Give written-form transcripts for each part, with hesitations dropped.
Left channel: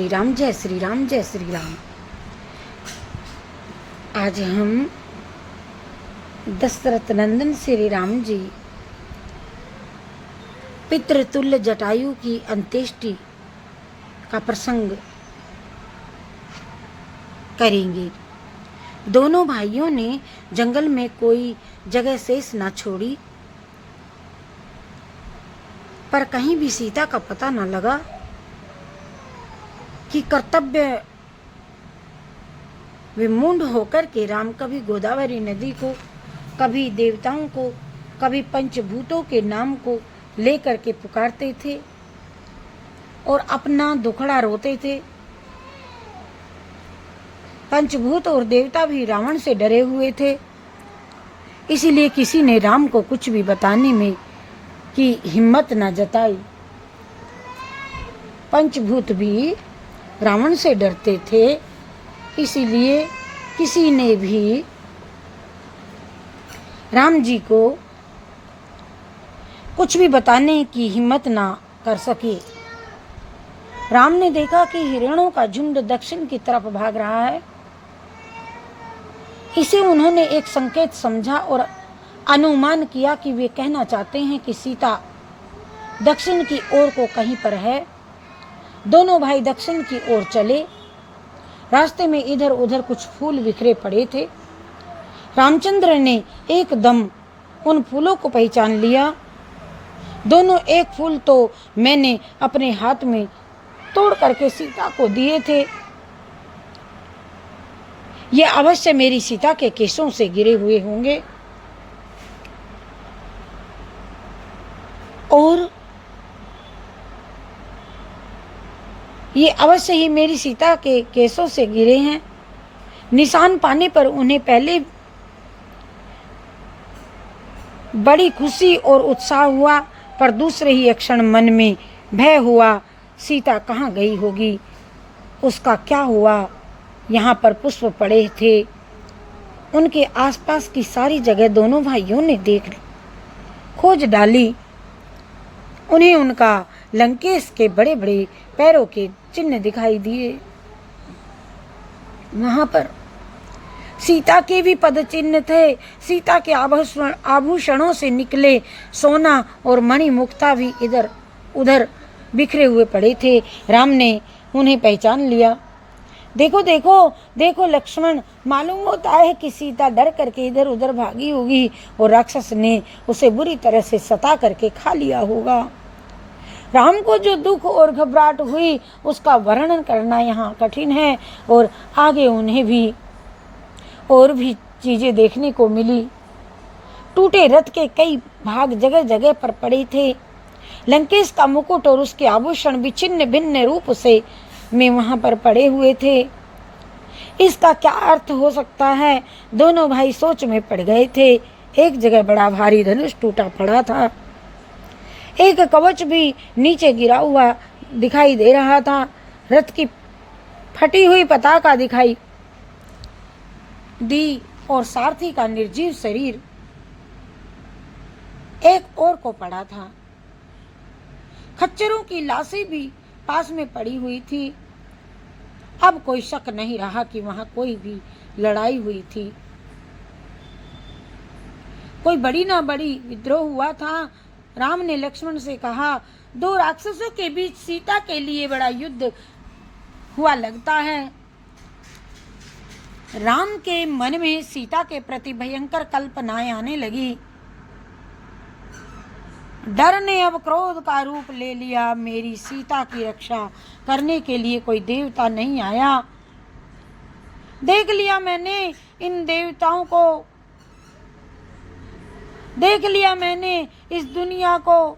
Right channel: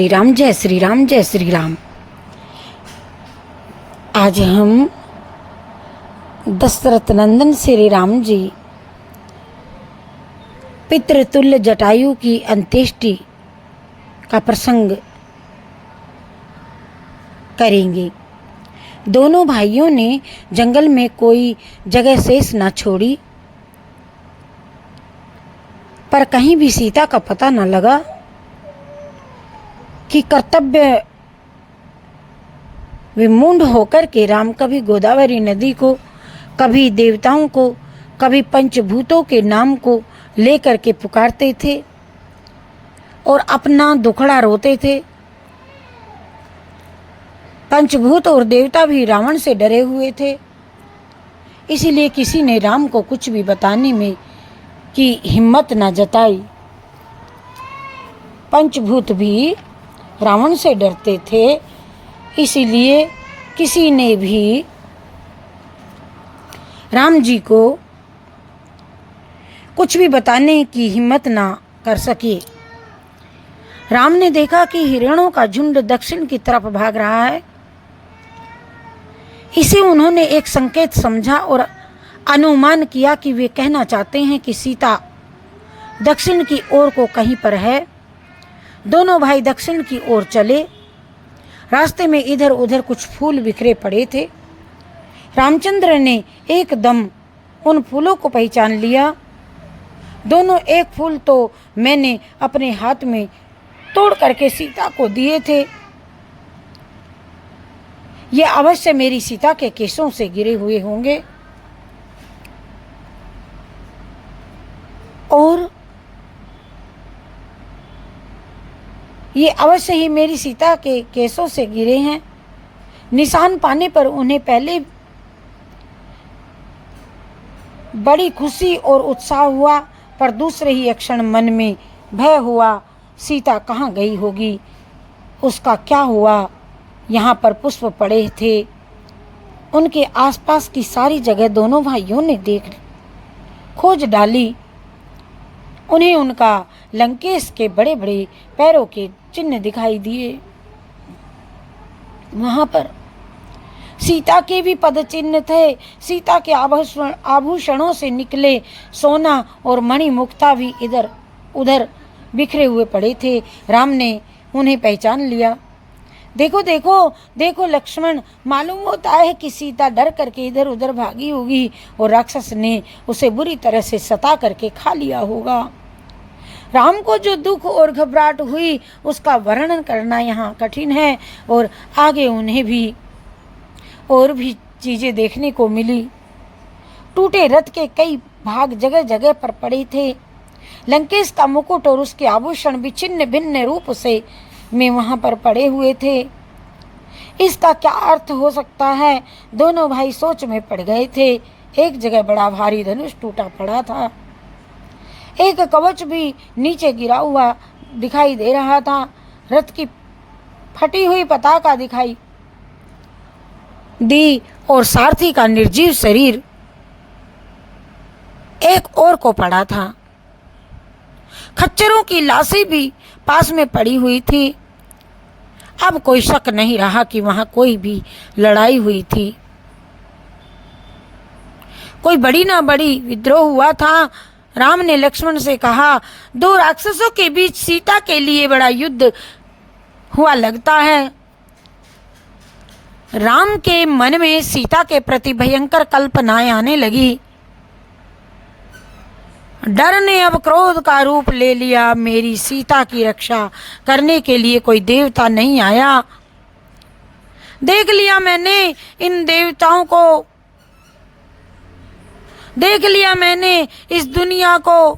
श्री राम, जय श्री राम, जय श्री राम। आज हम दशरथ नंदन श्री राम जी पितृतुल्य जटायु की अंत्येष्टि का प्रसंग करेंगे। दोनों भाइयों ने जंगल में कोई जगह शेष न छोड़ी, पर कहीं भी सीता का पता न लगा कि कर्तव्य विमूढ़ होकर के राम कभी गोदावरी नदी को, कभी देवताओं को, कभी पंचभूतों के नाम को लेकर के पुकारते थे और अपना दुखड़ा रोते थे। पंचभूत और देवता भी रावण से डरे हुए थे, इसीलिए किसी ने राम को कुछ भी बताने में की हिम्मत न जताई। पंचभूत भी रावण से डरते थे, इसीलिए किसी ने भी राम जी को कुछ भी बताने की हिम्मत ना कर सके। राम ने देखा कि हिरणों का झुंड दक्षिण की तरफ भाग रहा है। इसे उन्होंने एक संकेत समझा और अनुमान किया कि वे कहना चाहते हैं कि सीता दक्षिण की ओर को कहीं पर है। दोनों भाई दक्षिण की ओर चले। रास्ते में इधर उधर कुछ फूल बिखरे पड़े थे। रामचंद्र ने एकदम उन फूलों को पहचान लिया। दोनों एक फूल तो मैंने अपने हाथ में तोड़ करके सीता को दिए थे, ये अवश्य मेरी सीता के केशों से गिरे हुए होंगे और ये अवश्य ही मेरी सीता के केशों से गिरे हैं। निशान पाने पर उन्हें पहले बड़ी खुशी और उत्साह हुआ, पर दूसरे ही क्षण मन में भय हुआ। सीता कहाँ गई होगी, उसका क्या हुआ। यहाँ पर पुष्प पड़े थे, उनके आसपास की सारी जगह दोनों भाइयों ने खोज डाली। उन्हें उनका लंकेश के बड़े बड़े पैरों के चिन्ह दिखाई दिए। वहां पर सीता के भी पद चिन्ह थे। सीता के आभूषणों से निकले सोना और मणि मुक्ता भी इधर उधर बिखरे हुए पड़े थे। राम ने उन्हें पहचान लिया। देखो देखो देखो लक्ष्मण, मालूम होता है कि सीता डर करके इधर उधर भागी होगी और राक्षस ने उसे बुरी तरह से सता करके खा लिया होगा। राम को जो दुख और घबराहट हुई उसका वर्णन करना यहाँ कठिन है, और आगे उन्हें भी और भी चीजें देखने को मिली। टूटे रथ के कई भाग जगह जगह पर पड़े थे। लंकेश का मुकुट और उसके आभूषण भी छिन्न भिन्न रूप से में वहां पर पड़े हुए थे। इसका क्या अर्थ हो सकता है, दोनों भाई सोच में पड़ गए थे। एक जगह बड़ा भारी धनुष टूटा पड़ा था, एक कवच भी नीचे गिरा हुआ दिखाई दे रहा था। रथ की फटी हुई पताका दिखाई दी और सारथी का निर्जीव शरीर एक ओर को पड़ा था। खच्चरों की लाशें भी पास में पड़ी हुई थी। अब कोई शक नहीं रहा कि वहां कोई भी लड़ाई हुई थी। कोई बड़ी ना बड़ी विद्रोह हुआ था। राम ने लक्ष्मण से कहा, दो राक्षसों के बीच सीता के लिए बड़ा युद्ध हुआ लगता है। राम के मन में सीता के प्रति भयंकर कल्पनाएं आने लगी। डर ने अब क्रोध का रूप ले लिया। मेरी सीता की रक्षा करने के लिए कोई देवता नहीं आया। देख लिया मैंने इन देवताओं को, देख लिया मैंने इस दुनिया को।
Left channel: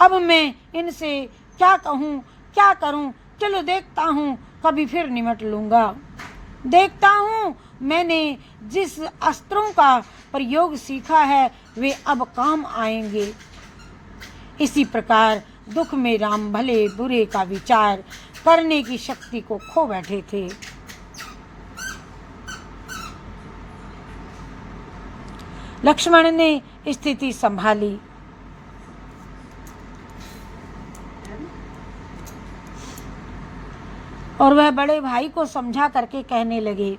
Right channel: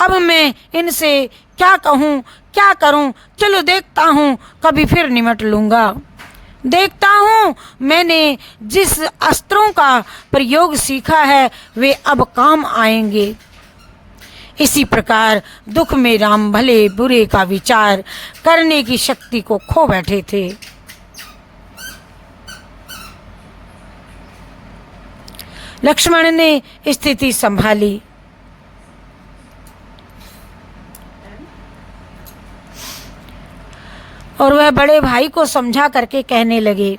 अब मैं इनसे क्या कहूँ, क्या करूँ। चलो देखता हूँ, कभी फिर निमट लूँगा। देखता हूँ मैंने जिस अस्त्रों का प्रयोग सीखा है वे अब काम आएंगे। इसी प्रकार दुख में राम भले बुरे का विचार करने की शक्ति को खो बैठे थे। लक्ष्मण ने स्थिति संभाली। और वह बड़े भाई को समझा करके कहने लगे,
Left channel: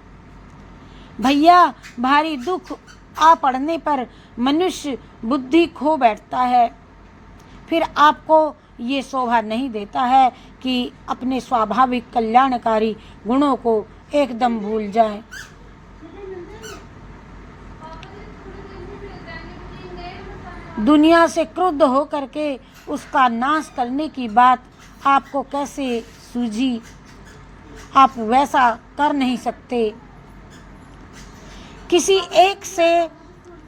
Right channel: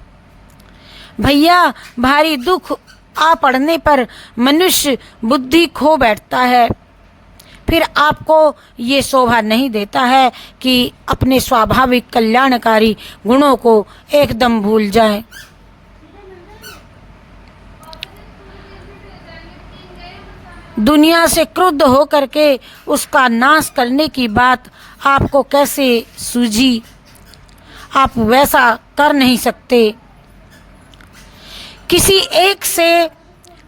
भैया भारी दुख आ पड़ने पर मनुष्य बुद्धि खो बैठता है, फिर आपको ये शोभा नहीं देता है कि अपने स्वाभाविक कल्याणकारी गुणों को एकदम भूल जाएं। दुनिया से क्रुद्ध होकर के उसका नाश करने की बात आपको कैसे सूझी? आप वैसा कर नहीं सकते। किसी एक से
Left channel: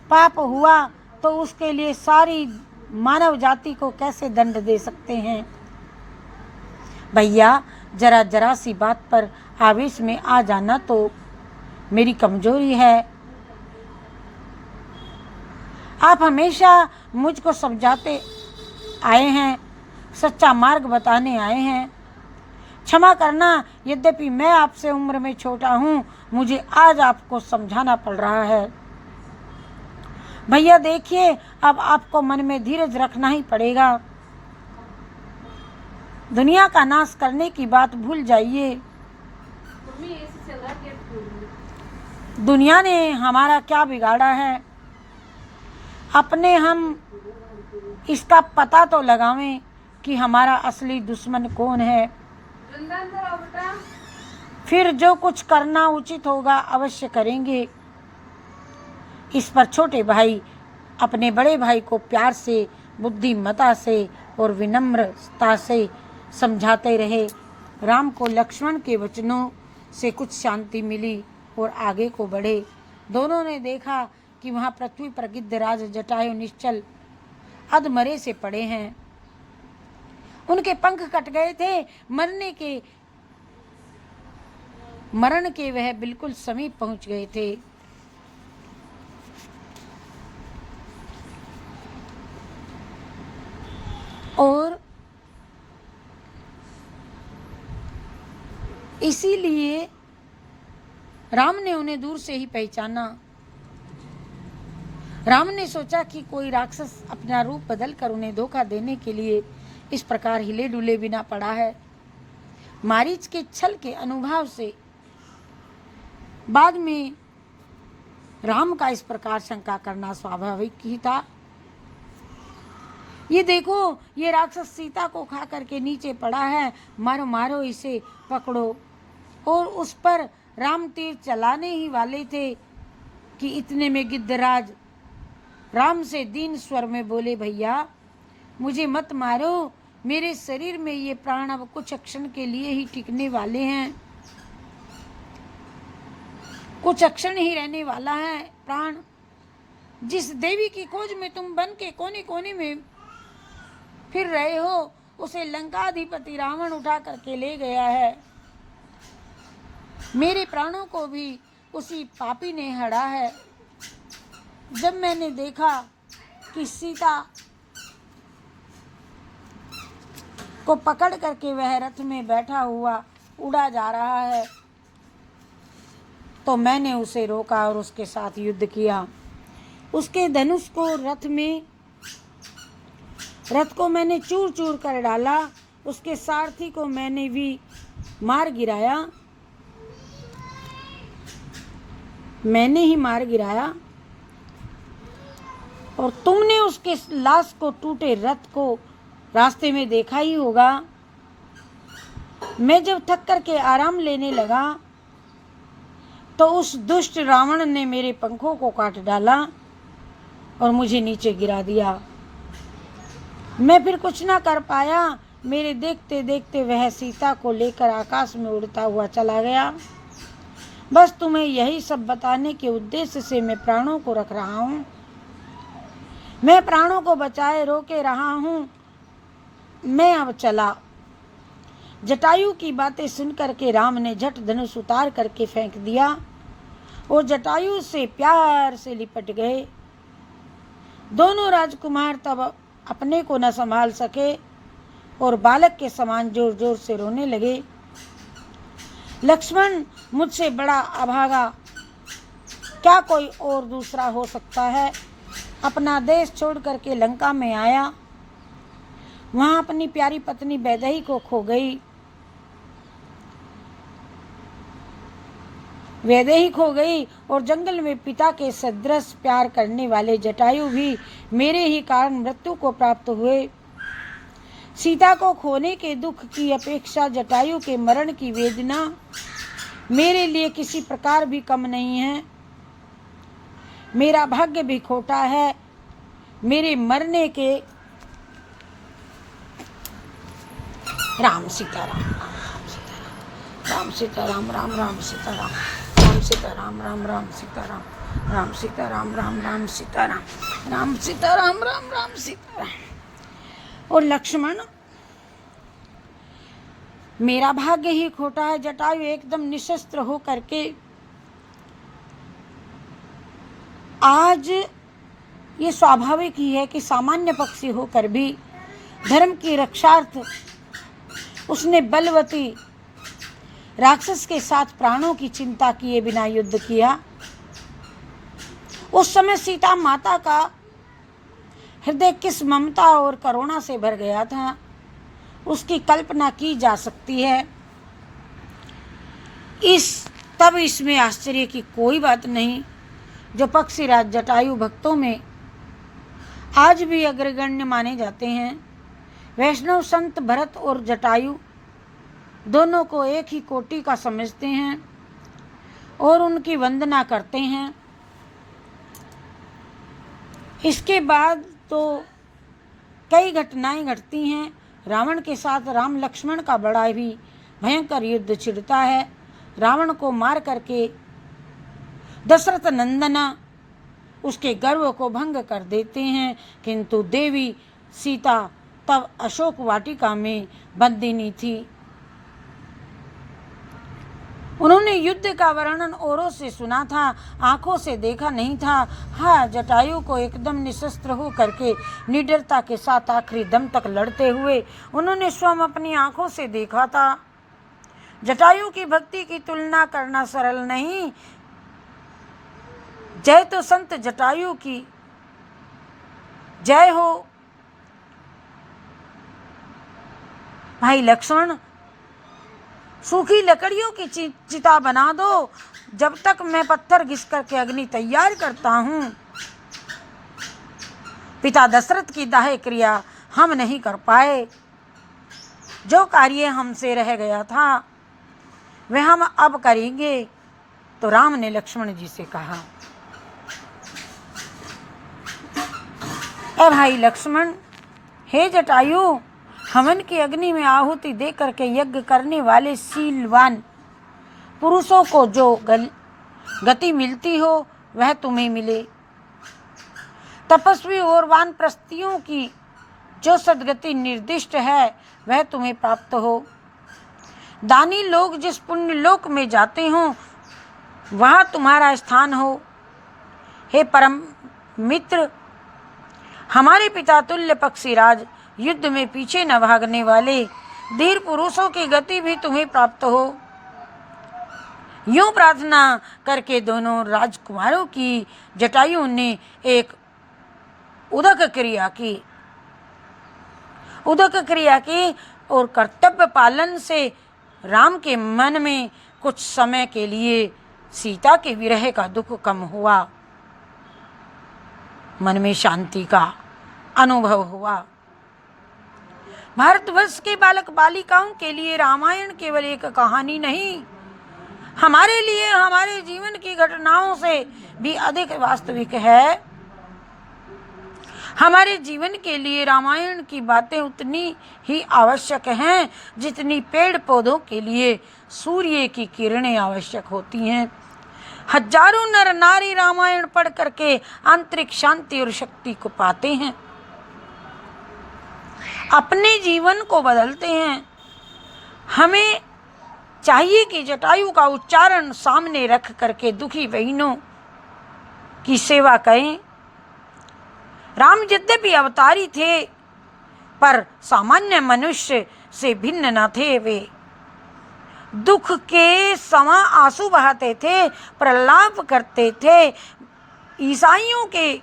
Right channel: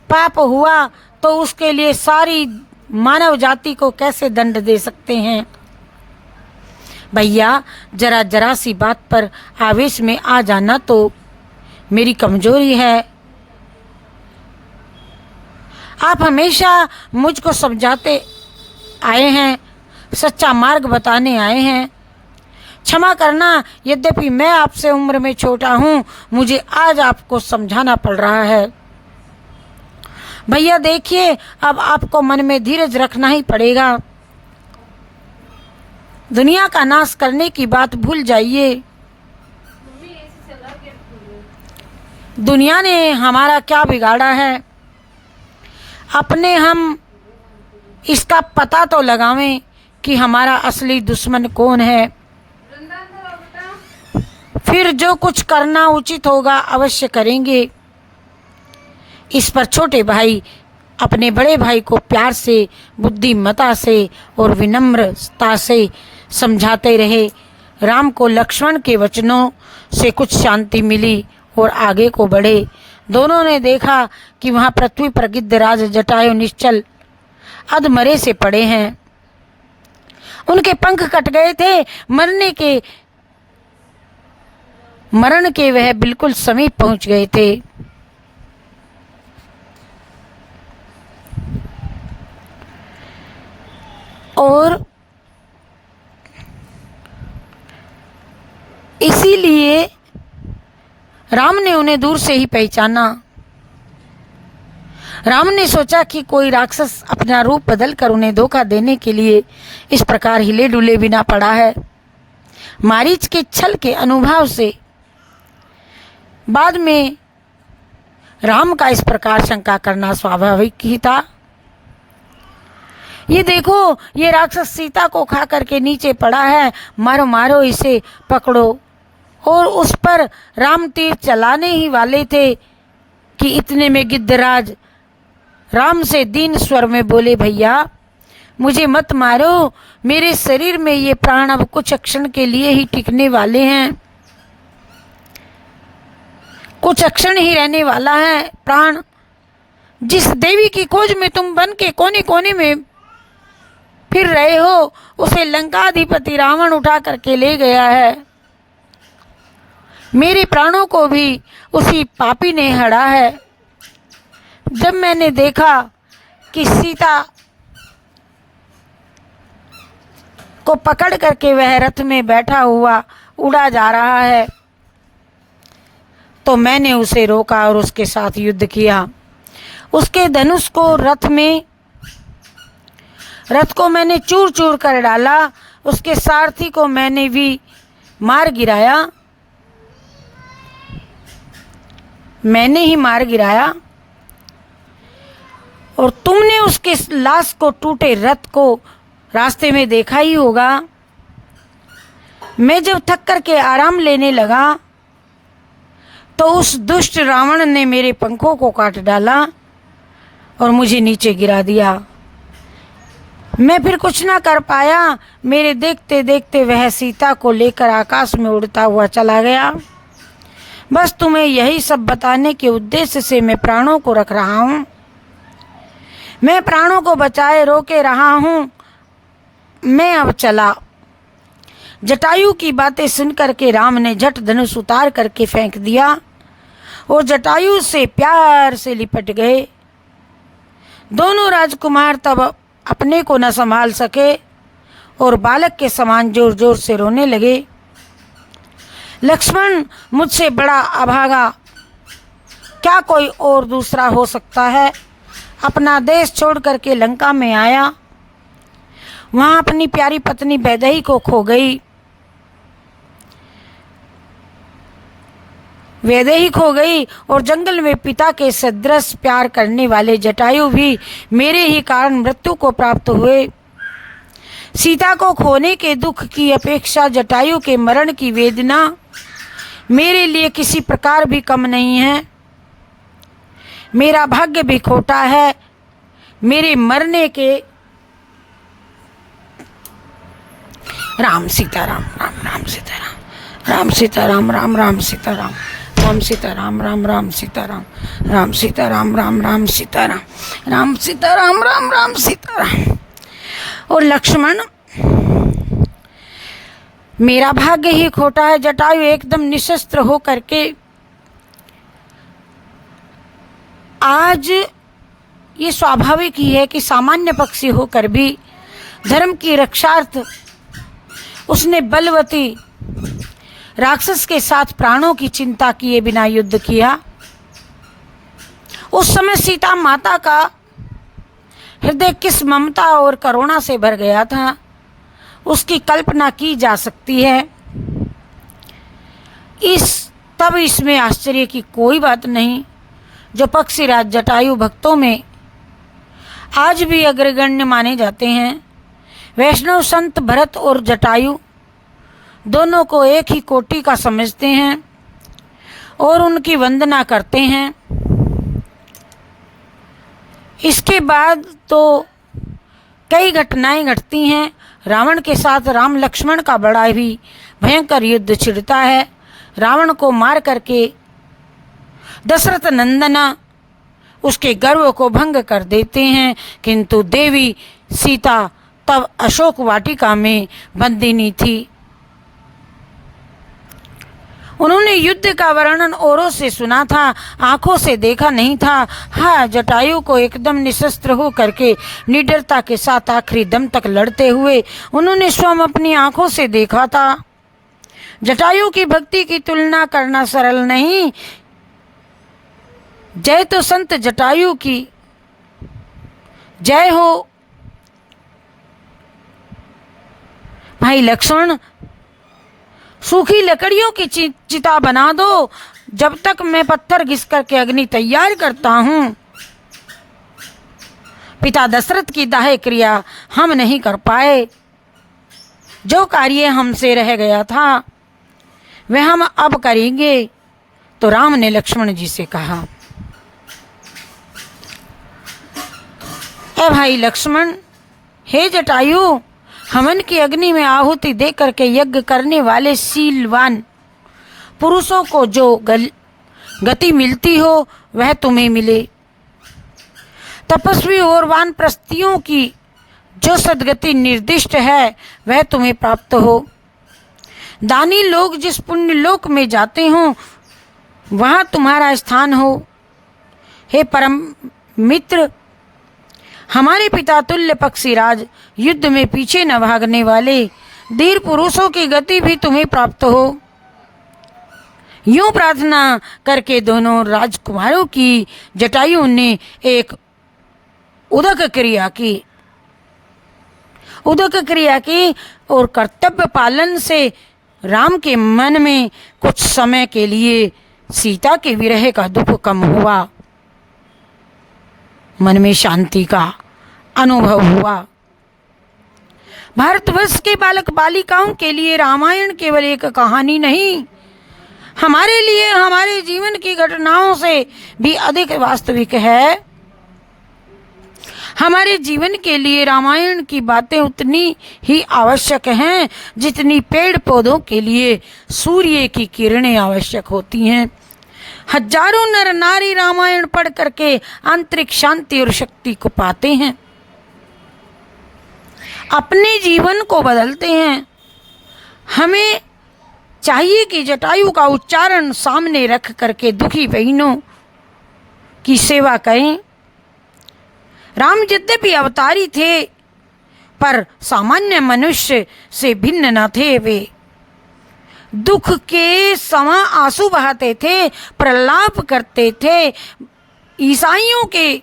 पाप हुआ तो उसके लिए सारी मानव जाति को कैसे दंड दे सकते हैं? भैया जरा जरा सी बात पर आवेश में आ जाना तो मेरी कमजोरी है। आप हमेशा मुझको समझाते आए हैं, सच्चा मार्ग बताने आए हैं। क्षमा करना, यद्यपि मैं आपसे उम्र में छोटा हूँ, मुझे आज आपको समझाना पड़ रहा है। भैया देखिए, अब आपको मन में धीरज रखना ही पड़ेगा। दुनिया का नाश करने की बात भूल जाइए। दुनिया ने हमारा क्या बिगाड़ा है, अपने हम इसका पता तो लगावें कि हमारा असली दुश्मन कौन है। फिर जो कुछ करना उचित होगा अवश्य करेंगे। इस पर छोटे भाई अपने बड़े भाई को प्यार से, बुद्धिमत्ता से और विनम्रता से समझाते रहे। राम को लक्ष्मण के वचनों से कुछ शांति मिली और आगे को बढ़े। दोनों ने देखा कि वहां पृथ्वी पर गिद्धराज जटायु निश्चल अधमरे से पड़े हैं। उनके पंख कट गए थे, मरण के वह बिल्कुल समीप पहुंच गए थे। और इसीलिए राम ने उन्हें दूर से ही पहचाना। राम ने सोचा कि कोई राक्षस अपना रूप बदल कर उन्हें धोखा देने के लिए इस प्रकार हिले डुले बिना पड़ा है। मारीच के छल के अनुभव से बाद में राम का इस प्रकार शंका करना स्वाभाविक ही था। ये देखो, ये राक्षस सीता को खा करके नीचे पड़ा है, मारो मारो इसे, पकड़ो। और उस पर राम तीर चलाने ही वाले थे कि इतने में गिद्धराज राम से दीन स्वर में बोले, भैया मुझे मत मारो, मेरे शरीर में ये प्राण अब कुछ क्षण के लिए ही टिकने वाले हैं, कुछ क्षण ही रहने वाला है प्राण। जिस देवी की खोज में तुम बन के कोने कोने में फिर रहे हो, उसे लंकाधिपति रावण उठा करके ले गया है। मेरे प्राणों को भी उसी पापी ने हड़ा है। जब मैंने देखा कि सीता को पकड़ करके वह रथ में बैठा हुआ उड़ा जा रहा है, तो मैंने उसे रोका और उसके साथ युद्ध किया। उसके धनुष को रथ को मैंने चूर चूर कर डाला, उसके सारथी को मैंने भी मार गिराया, मैंने ही मार गिराया। और तुमने उसके लाश को, टूटे रथ को रास्ते में देखा ही होगा। मैं जब थक करके आराम लेने लगा तो उस दुष्ट रावण ने मेरे पंखों को काट डाला और मुझे नीचे गिरा दिया। मैं फिर कुछ ना कर पाया। मेरे देखते देखते वह सीता को लेकर आकाश में उड़ता हुआ चला गया। बस तुम्हें यही सब बताने के उद्देश्य से मैं प्राणों को रख रहा हूँ। मैं प्राणों को बचाए रोके रहा हूँ। मैं अब चला। जटायु की बातें सुनकर के राम ने झट धनुष उतार करके फेंक दिया और जटायु से प्यार से लिपट गए। दोनों राजकुमार तब अपने को न संभाल सके और बालक के समान जोर जोर से रोने लगे। लक्ष्मण मुझसे बड़ा अभागा क्या कोई और दूसरा हो सकता है? अपना देश छोड़ करके लंका में आया, वहां अपनी प्यारी पत्नी वैदेही को खो गई। वैदेही हो गई और जंगल में पिता के सदृश प्यार करने वाले जटायु भी मेरे ही कारण मृत्यु को प्राप्त हुए। सीता को खोने के दुख की अपेक्षा जटायु के मरण की वेदना मेरे लिए किसी प्रकार भी कम नहीं है। मेरा भाग्य भी खोटा है। मेरे मरने के राम सीताराम, राम राम सीताराम, राम सीताराम, राम राम सीताराम, राम सीताराम, राम राम सीताराम, राम सीताराम, राम राम सीताराम, राम सीताराम, राम राम सीताराम। और लक्ष्मण, मेरा भाग्य ही खोटा है। जटायु एकदम निशस्त्र हो करके आज ये स्वाभाविक ही है कि सामान्य पक्षी होकर भी धर्म की रक्षार्थ उसने बलवती राक्षस के साथ प्राणों की चिंता किए बिना युद्ध किया। उस समय सीता माता का हृदय किस ममता और करुणा से भर गया था, उसकी कल्पना की जा सकती है। तब इसमें आश्चर्य की कोई बात नहीं जो पक्षीराज जटायु भक्तों में आज भी अग्रगण्य माने जाते हैं। वैष्णव संत भरत और जटायु दोनों को एक ही कोटि का समझते हैं और उनकी वंदना करते हैं। इसके बाद तो कई घटनाएं घटती हैं। रावण के साथ राम लक्ष्मण का बड़ा ही भयंकर युद्ध छिड़ता है। रावण को मार करके दशरथ नंदना उसके गर्व को भंग कर देते हैं, किंतु देवी सीता तब अशोक वाटिका में बंदिनी थी। उन्होंने युद्ध का वर्णन औरों से सुना था, आंखों से देखा नहीं था। हाँ, जटायु को एकदम निशस्त्र हो करके निडरता के साथ आखिरी दम तक लड़ते हुए उन्होंने स्वयं अपनी आंखों से देखा था। जटायु की भक्ति की तुलना करना सरल नहीं। जय तो संत जटायु की जय हो। भाई लक्ष्मण, सूखी लकड़ियों की चिता बना दो, जब तक मैं पत्थर घिस करके अग्नि तैयार करता हूं। पिता दशरथ की दाह क्रिया हम नहीं कर पाए। जो कार्य हमसे रह गया था वह हम अब करेंगे। तो राम ने लक्ष्मण जी से कहा, ए भाई लक्ष्मण, हे जटायु, हवन की अग्नि में आहुति दे करके यज्ञ करने वाले शीलवान पुरुषों को जो गति मिलती हो वह तुम्हें मिले। तपस्वी और वानप्रस्थियों की जो सद्गति निर्दिष्ट है वह तुम्हें प्राप्त हो। दानी लोग जिस पुण्य लोक में जाते हो वहाँ तुम्हारा स्थान हो। हे परम मित्र, हमारे पिता तुल्य पक्षीराज, युद्ध में पीछे न भागने वाले धीर पुरुषों की गति भी तुम्हें प्राप्त हो। यूं प्रार्थना करके दोनों राजकुमारों की जटायु ने एक उदक क्रिया की और कर्तव्य पालन से राम के मन में कुछ समय के लिए सीता के विरह का दुख कम हुआ। मन में शांति का अनुभव हुआ। भारतवर्ष के बालक बालिकाओं के लिए रामायण केवल एक कहानी नहीं, हमारे लिए हमारे जीवन की घटनाओं से भी अधिक वास्तविक है। हमारे जीवन के लिए रामायण की बातें उतनी ही आवश्यक हैं जितनी पेड़ पौधों के लिए सूर्य की किरणें आवश्यक होती हैं। हजारों नर नारी रामायण पढ़ करके आंतरिक शांति और शक्ति को पाते हैं, अपने जीवन को बदलते हैं। हमें चाहिए कि जटायु का उच्चारण सामने रख करके दुखी बहनों की सेवा करें। राम यद्यपि अवतारी थे पर सामान्य मनुष्य से भिन्न न थे। वे दुख के समा आंसू बहाते थे, प्रलाप करते थे। ईसाइयों के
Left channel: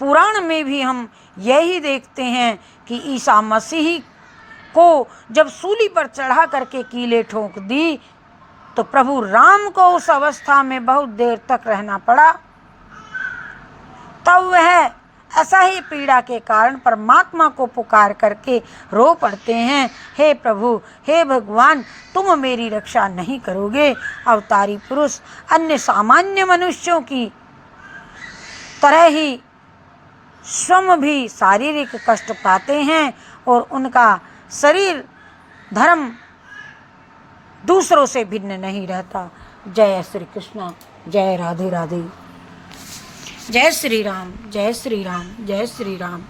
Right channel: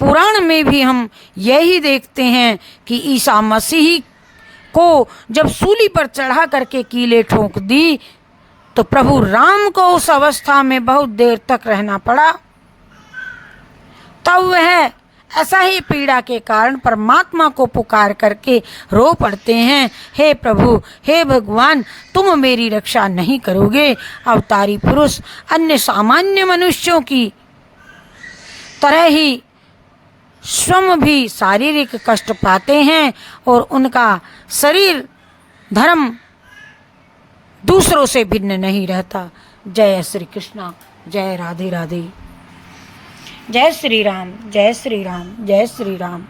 पुराण में भी हम यही देखते हैं कि ईसा मसीह को जब सूली पर चढ़ा करके कीले ठोक दी तो प्रभु राम को उस अवस्था में बहुत देर तक रहना पड़ा। तब वह ऐसा ही पीड़ा के कारण परमात्मा को पुकार करके रो पड़ते हैं, हे प्रभु, हे भगवान, तुम मेरी रक्षा नहीं करोगे। अवतारी पुरुष अन्य सामान्य मनुष्यों की तरह ही स्वयं भी शारीरिक कष्ट पाते हैं और उनका शरीर धर्म दूसरों से भिन्न नहीं रहता। जय श्री कृष्णा, जय राधे राधे, जय श्री राम, जय श्री राम, जय श्री राम।